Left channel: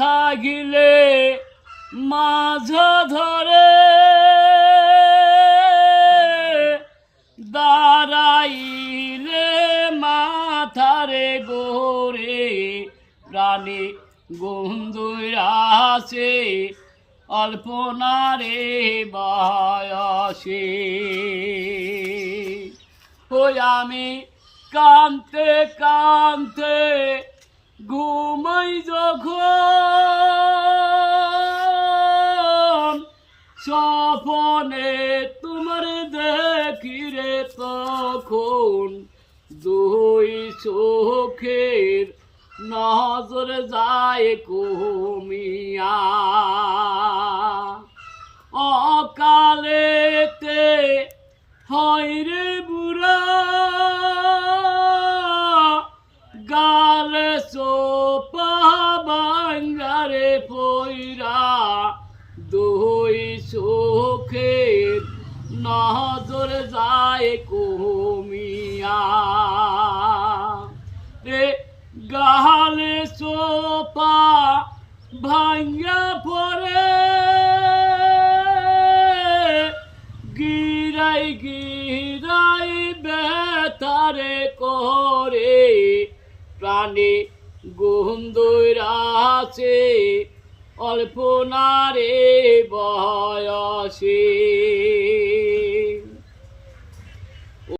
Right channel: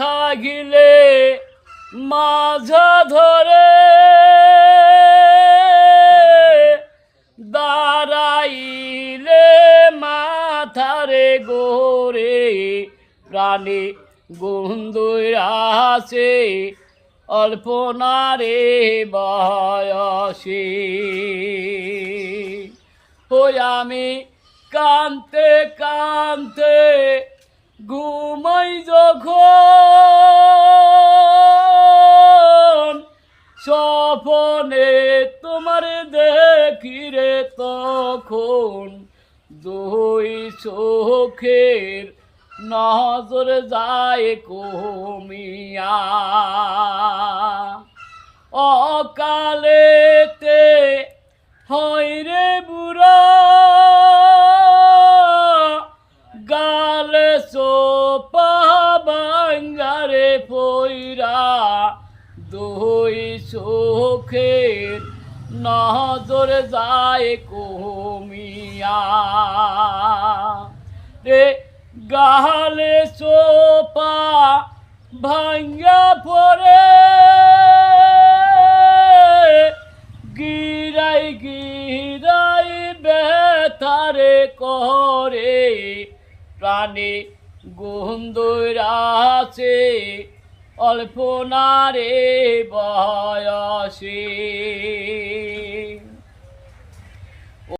থাকিলে মাঝ ধরে দাঁড়াইলে মাথারে গোরে প্রাণে বন্ধুরাছে অল্পনারে বয়সে ওই আমি কানতে কানতে ঘুমাই যখন স্বপনে তোমার দেখি রে তখন দুই চোখের নজর যায় কমিয়া অকালেতে হয় রে বুড়া গালে সোপা বাঙ্গারে পইরা দুই চোখের নজর যায় কমিয়া রে গালে সোপা ভাঙ্গা পড়ে গিরাই গিরাই বেতারে করে প্রাণে গন্ধরাছে অল্পনারে বয়সে।